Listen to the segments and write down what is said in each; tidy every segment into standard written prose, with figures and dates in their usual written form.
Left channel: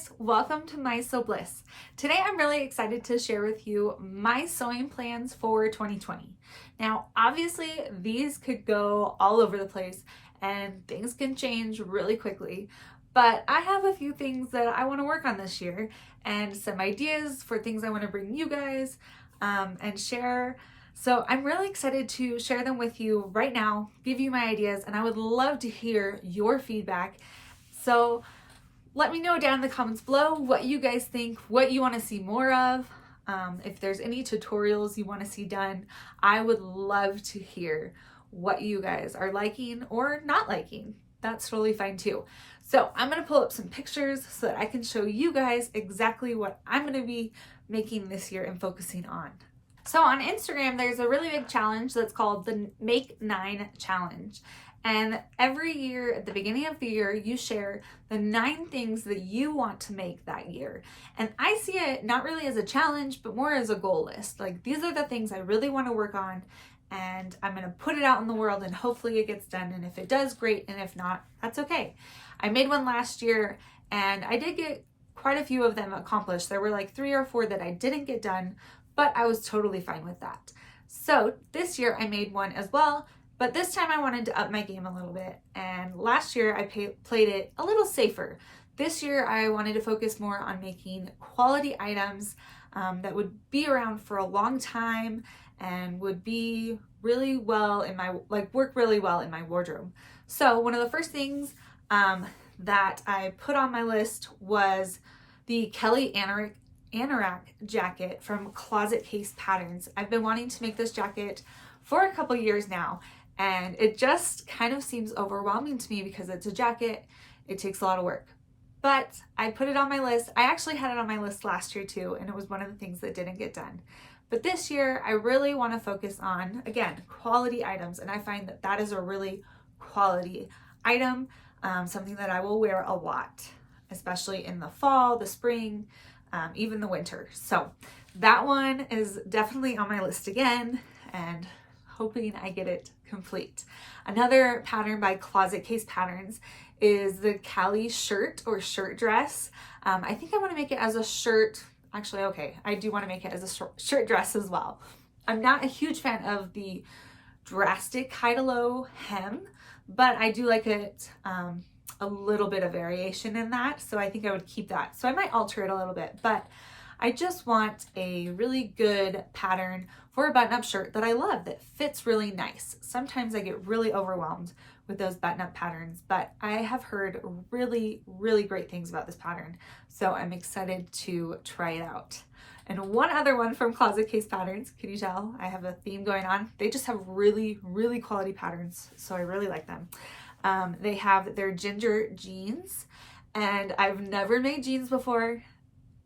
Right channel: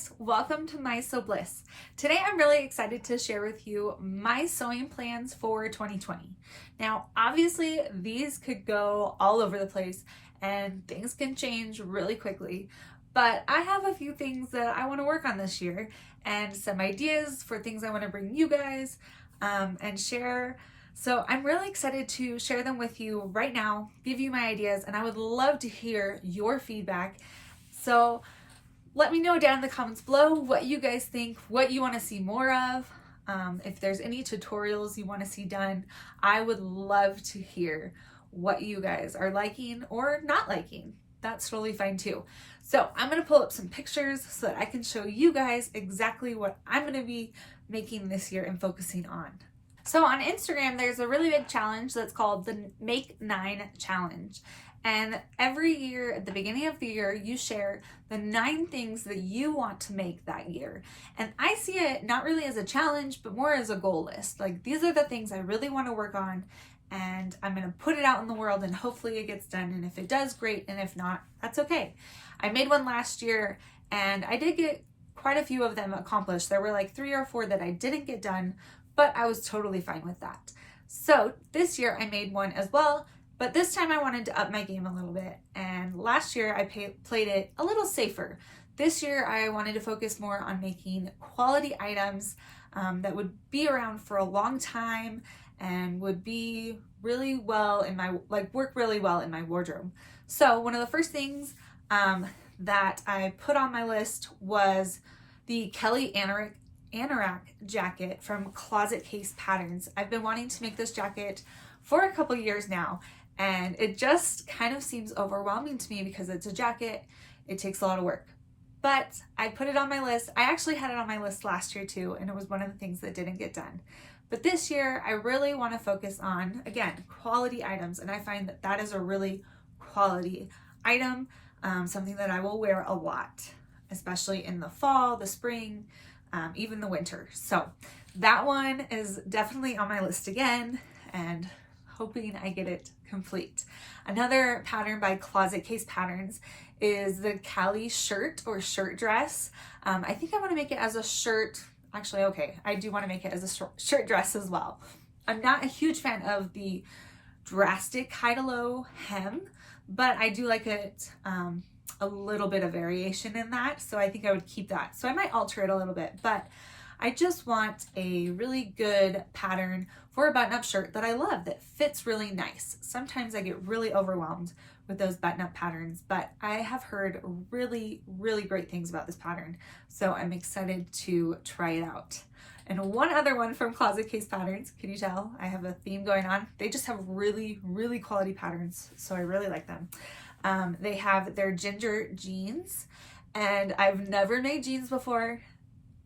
guys, welcome to My Sew Bliss. Today I'm really excited to share with you my sewing plans for 2020. Now obviously these could go all over the place and things can change really quickly, but I have a few things that I want to work on this year and some ideas for things I want to bring you guys and share. So I'm really excited to share them with you right now, give you my ideas, and I would love to hear your feedback. So let me know down in the comments below what you guys think, what you want to see more of. If there's any tutorials you want to see done, I would love to hear what you guys are liking or not liking. That's totally fine too. So I'm going to pull up some pictures so that I can show you guys exactly what I'm going to be making this year and focusing on. So on Instagram, there's a really big challenge that's called the Make 9 Challenge. And every year at the beginning of the year, you share the 9 things that you want to make that year. And I see it not really as a challenge, but more as a goal list. Like, these are the things I really want to work on, and I'm going to put it out in the world and hopefully it gets done. And if it does, great. And if not, that's okay. I made one last year and I did get quite a few of them accomplished. There were like 3 or 4 that I didn't get done, but I was totally fine with that. So this year I made one as well. But this time I wanted to up my game a little bit. And last year I played it a little safer. This year I wanted to focus more on making quality items that would be around for a long time and would be really well in my, work really well in my wardrobe. So one of the first things that I put on my list was the Kelly Anorak jacket from Closet Case Patterns. I've been wanting to make this jacket for a couple years now. And it just kind of seems overwhelming to me because it's a jacket, it takes a lot of work. But I put it on my list. I actually had it on my list last year too, and it was one of the things that didn't get done. But this year, I really want to focus on, again, quality items. And I find that that is a really quality item, something that I will wear a lot, especially in the fall, the spring, even the winter. So that one is definitely on my list again, and hoping I get it complete. Another pattern by Closet Case Patterns is the Cali shirt or shirt dress. I think I want to make it as a shirt. Actually, okay, I do want to make it as a shirt dress as well. I'm not a huge fan of the drastic high-to-low hem, but I do like it a little bit of variation in that. So I think I would keep that. So I might alter it a little bit, but I just want a really good pattern for a button-up shirt that I love, that fits really nice. Sometimes I get really overwhelmed with those button-up patterns, but I have heard really, really great things about this pattern. So I'm excited to try it out. And one other one from Closet Case Patterns, can you tell? I have a theme going on. They just have really, really quality patterns, so I really like them. They have their ginger jeans, and I've never made jeans before.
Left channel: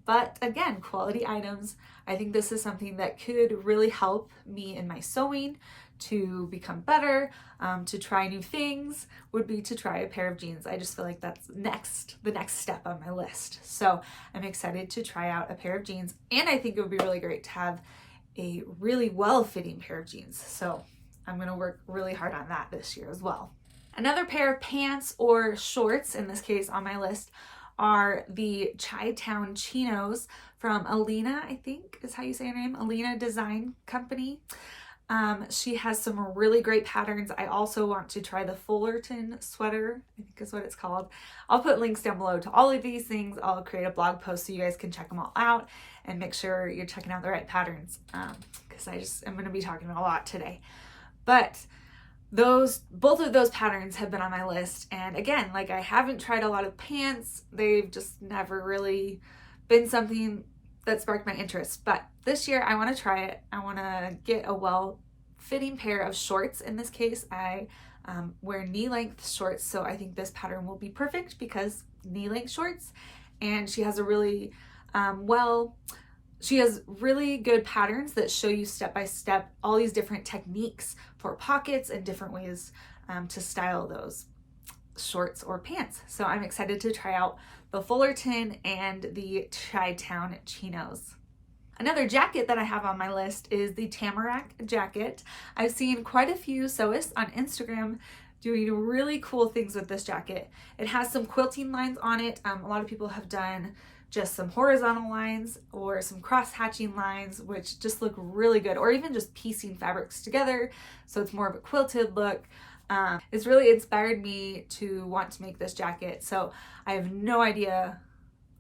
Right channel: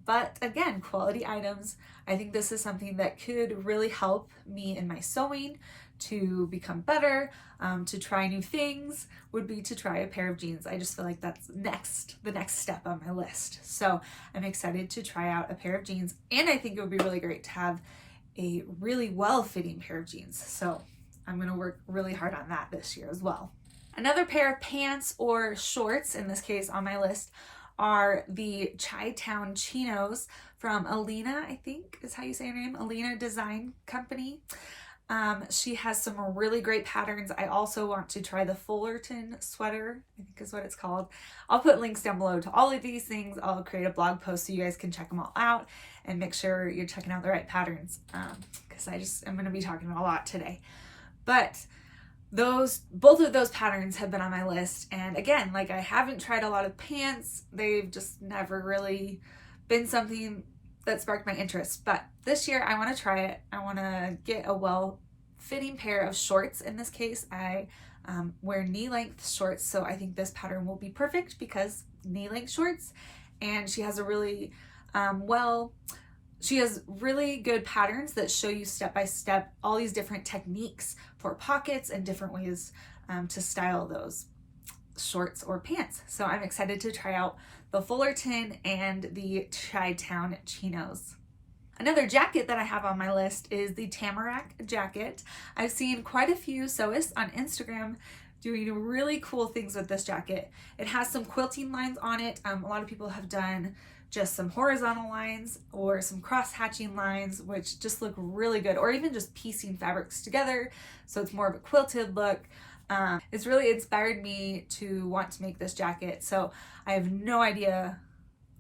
But again, quality items. I think this is something that could really help me in my sewing to become better, to try new things, would be to try a pair of jeans. I just feel like that's the next step on my list. So I'm excited to try out a pair of jeans, and I think it would be really great to have a really well-fitting pair of jeans. So I'm gonna work really hard on that this year as well. Another pair of pants or shorts, in this case on my list, are the Chi-Town chinos from Alina, I think is how you say her name, Alina Design Company. She has some really great patterns. I also want to try the Fullerton sweater, I think is what it's called. I'll put links down below to all of these things. I'll create a blog post so you guys can check them all out and make sure you're checking out the right patterns, because I'm going to be talking about a lot today. But both of those patterns have been on my list. And again, like, I haven't tried a lot of pants. They've just never really been something that sparked my interest. But this year I want to try it. I want to get a well-fitting pair of shorts. In this case, I wear knee-length shorts. So I think this pattern will be perfect because knee-length shorts. And she has a really, she has really good patterns that show you step-by-step all these different techniques for pockets and different ways to style those shorts or pants. So I'm excited to try out the Fullerton and the Chi-Town chinos. Another jacket that I have on my list is the Tamarack Jacket. I've seen quite a few sewists on Instagram doing really cool things with this jacket. It has some quilting lines on it. A lot of people have done just some horizontal lines or some cross hatching lines, which just look really good, or even just piecing fabrics together so it's more of a quilted look. It's really inspired me to want to make this jacket. So I have no idea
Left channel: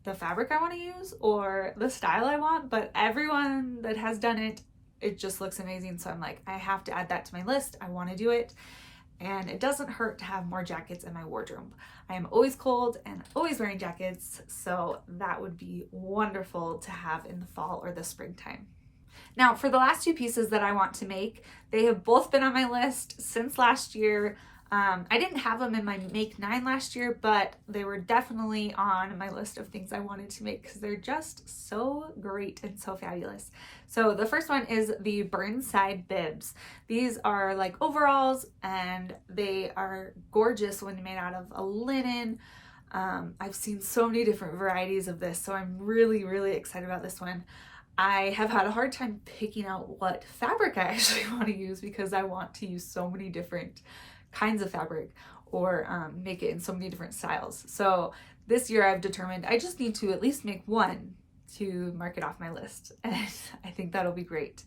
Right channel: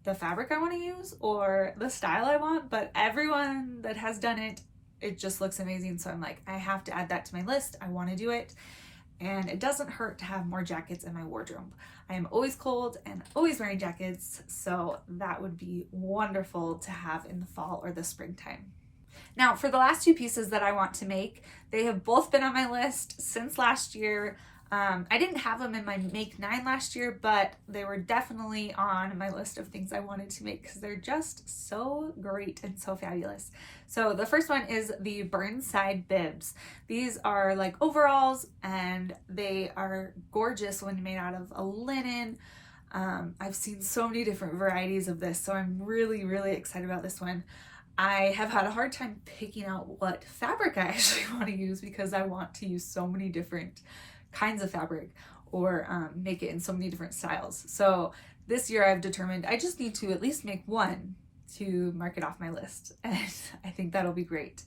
the fabric I want to use or the style I want, but everyone that has done it, it just looks amazing. So I'm like, I have to add that to my list. I want to do it. And it doesn't hurt to have more jackets in my wardrobe. I am always cold and always wearing jackets, so that would be wonderful to have in the fall or the springtime. Now, for the last two pieces that I want to make, they have both been on my list since last year. I didn't have them in my Make 9 last year, but they were definitely on my list of things I wanted to make because they're just so great and so fabulous. So the first one is the Burnside bibs. These are like overalls and they are gorgeous when made out of a linen. I've seen so many different varieties of this, so I'm really, really excited about this one. I have had a hard time picking out what fabric I actually want to use because I want to use so many different kinds of fabric or make it in so many different styles. So this year I've determined I just need to at least make one to mark it off my list, and I think that'll be great.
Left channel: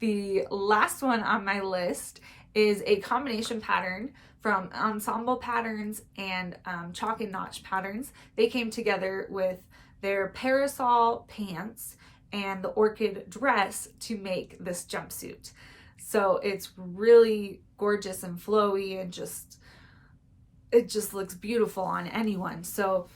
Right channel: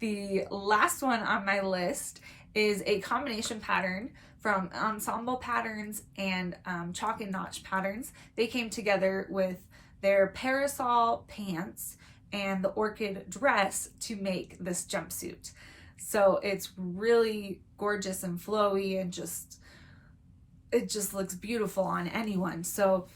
The last one on my list is a combination pattern from Ensemble Patterns and Chalk and Notch Patterns. They came together with their parasol pants and the orchid dress to make this jumpsuit. So it's really gorgeous and flowy and it just looks beautiful on anyone. So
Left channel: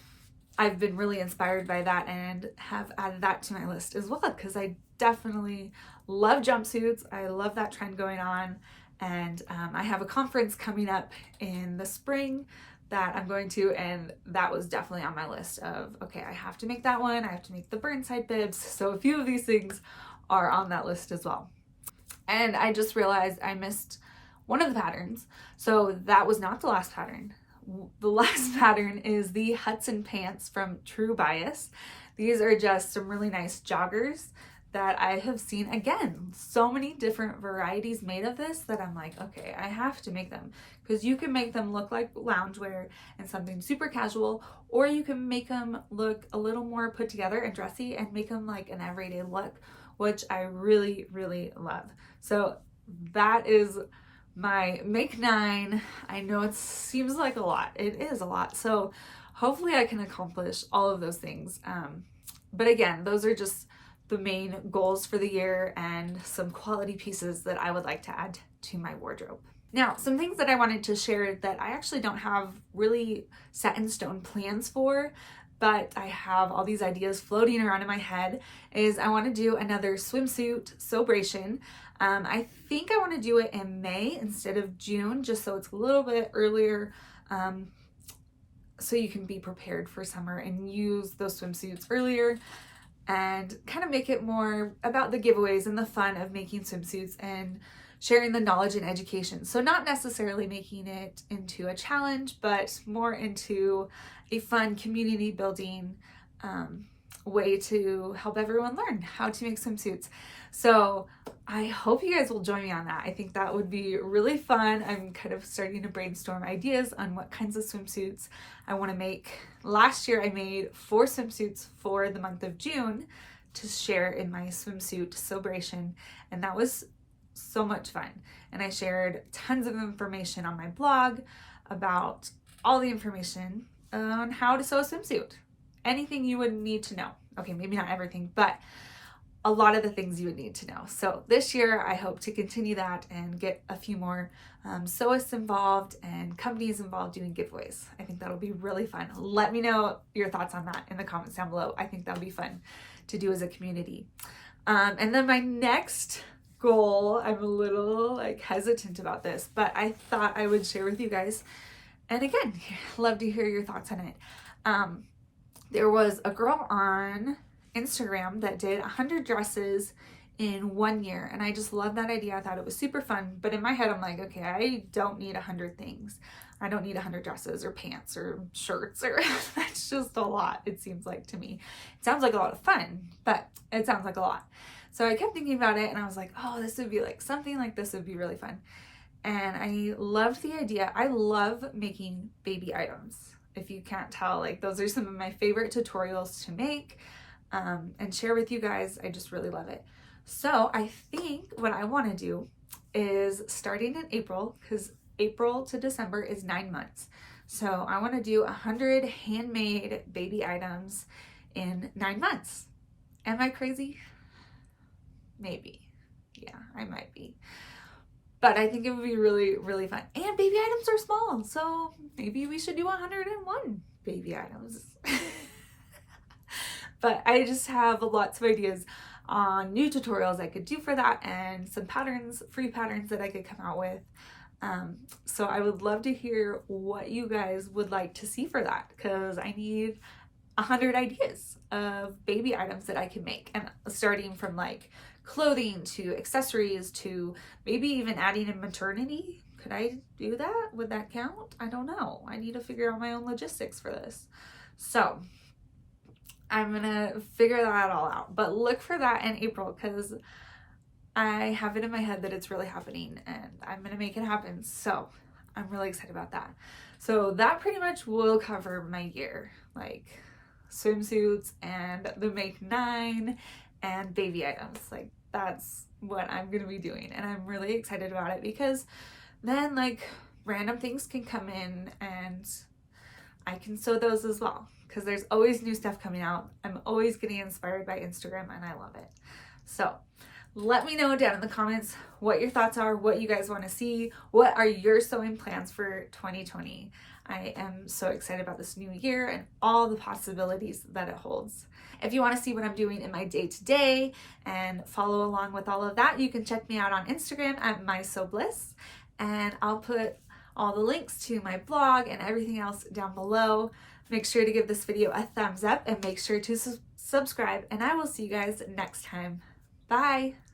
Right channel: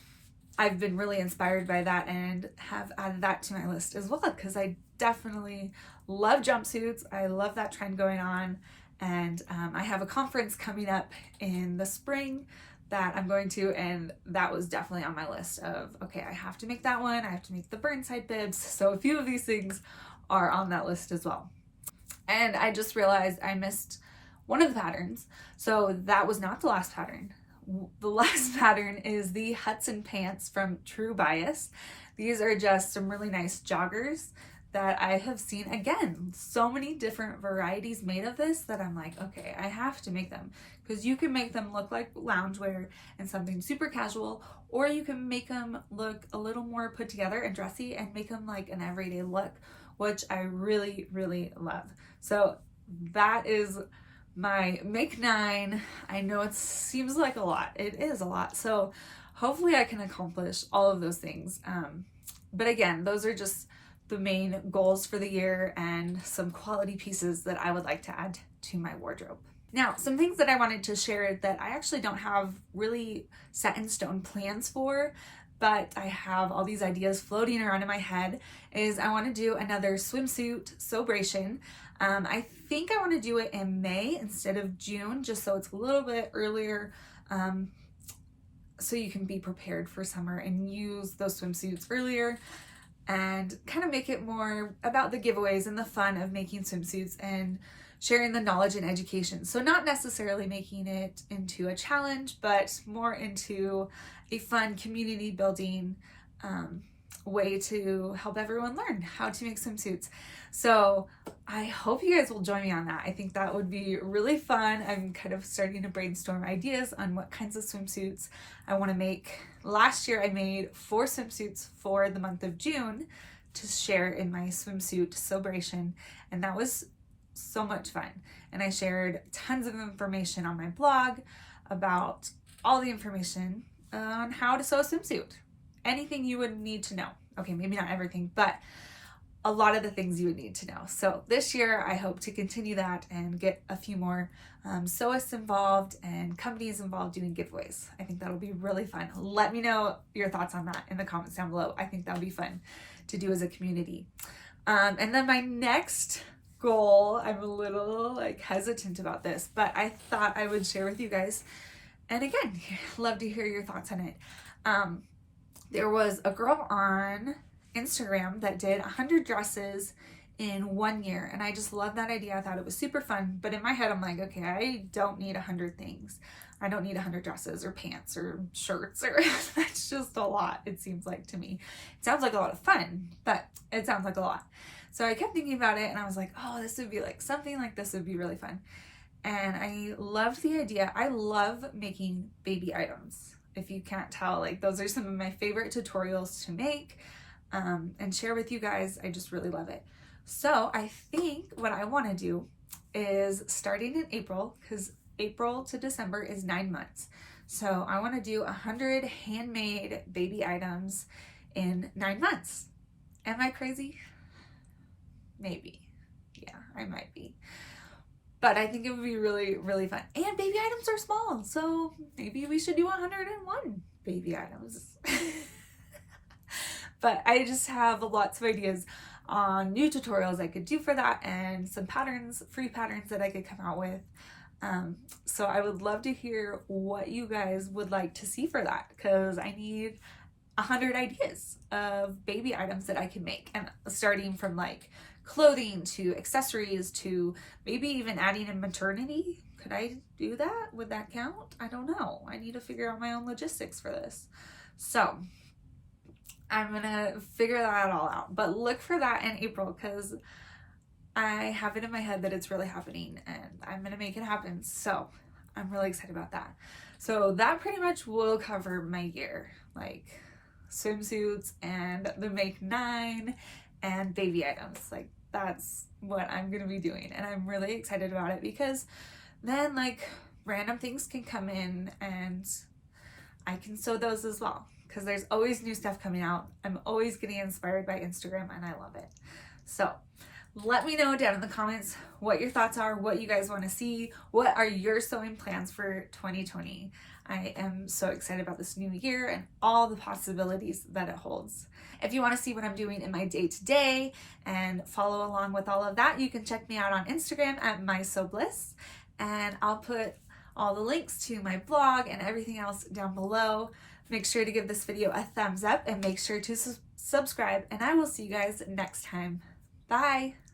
I've been really inspired by that and have added that to my list as well because I definitely love jumpsuits. I love that trend going on, and I have a conference coming up in the spring that I'm going to, and that was definitely on my list of, okay, I have to make that one. I have to make the Burnside bibs. So a few of these things are on that list as well. And I just realized I missed one of the patterns. So that was not the last pattern. The last pattern is the Hudson Pants from True Bias. These are just some really nice joggers that I have seen, again, so many different varieties made of this that I'm like, okay, I have to make them, because you can make them look like loungewear and something super casual, or you can make them look a little more put together and dressy and make them like an everyday look, which I really, really love. So that is my Make 9. I know it seems like a lot. It is a lot. So hopefully I can accomplish all of those things. But again, those are just the main goals for the year and some quality pieces that I would like to add to my wardrobe. Now, some things that I wanted to share that I actually don't have really set in stone plans for, but I have all these ideas floating around in my head, is I want to do another swimsuit celebration. I think I want to do it in May instead of June, just so it's a little bit earlier, so you can be prepared for summer and use those swimsuits earlier and kind of make it more about the giveaways and the fun of making swimsuits and sharing the knowledge and education. So not necessarily making it into a challenge, but more into a fun community building way to help everyone learn how to make swimsuits. So I hope you guys will join me on that. I think that would be really fun. I'm kind of starting to brainstorm ideas on what kinds of swimsuits I want to make. Last year I made 4 swimsuits for the month of June to share in my swimsuit celebration, and that was so much fun. And I shared tons of information on my blog about all the information on how to sew a swimsuit. Anything you would need to know. Okay, maybe not everything, but a lot of the things you would need to know. So this year I hope to continue that and get a few more sewists involved and companies involved doing giveaways. I think that'll be really fun. Let me know your thoughts on that in the comments down below. I think that'll be fun to do as a community. And then my next goal, I'm a little like hesitant about this, but I thought I would share with you guys. And again, love to hear your thoughts on it. There was a girl on Instagram that did 100 dresses in 1 year, and I just love that idea. I thought it was super fun, but in my head I'm like, okay, I don't need 100 things. I don't need 100 dresses or pants or shirts, or that's just a lot, it seems like to me. It sounds like a lot of fun, but it sounds like a lot. So I kept thinking about it and I was like, oh, this would be like, something like this would be really fun. And I love the idea. I love making baby items. If you can't tell, like those are some of my favorite tutorials to make and share with you guys. I just really love it. So I think what I want to do is starting in April, because April to December is 9 months. So I want to do 100 handmade baby items in 9 months. Am I crazy? Maybe. Yeah, I might be. But I think it would be really, really fun. And baby items are small, so maybe we should do 101 baby items. But I just have lots of ideas on new tutorials I could do for that and some patterns, free patterns that I could come out with. So I would love to hear what you guys would like to see for that, because I need 100 ideas of baby items that I can make, and starting from like clothing to accessories to maybe even adding in maternity. Could I do that? Would that count? I don't know. I need to figure out my own logistics for this. So I'm gonna figure that all out, but look for that in April, because I have it in my head that it's really happening and I'm gonna make it happen. So I'm really excited about that. So that pretty much will cover my year, like swimsuits and the Make 9 and baby items. Like that's what I'm gonna be doing, and I'm really excited about it, because then like random things can come in and I can sew those as well, because there's always new stuff coming out. I'm always getting inspired by Instagram and I love it. So let me know down in the comments what your thoughts are, what you guys want to see, what are your sewing plans for 2020. I am so excited about this new year and all the possibilities that it holds. If you want to see what I'm doing in my day-to-day and follow along with all of that, you can check me out on Instagram at mysobliss, and I'll put all the links to my blog and everything else down below. Make sure to give this video a thumbs up and make sure to subscribe, and I will see you guys next time. Bye!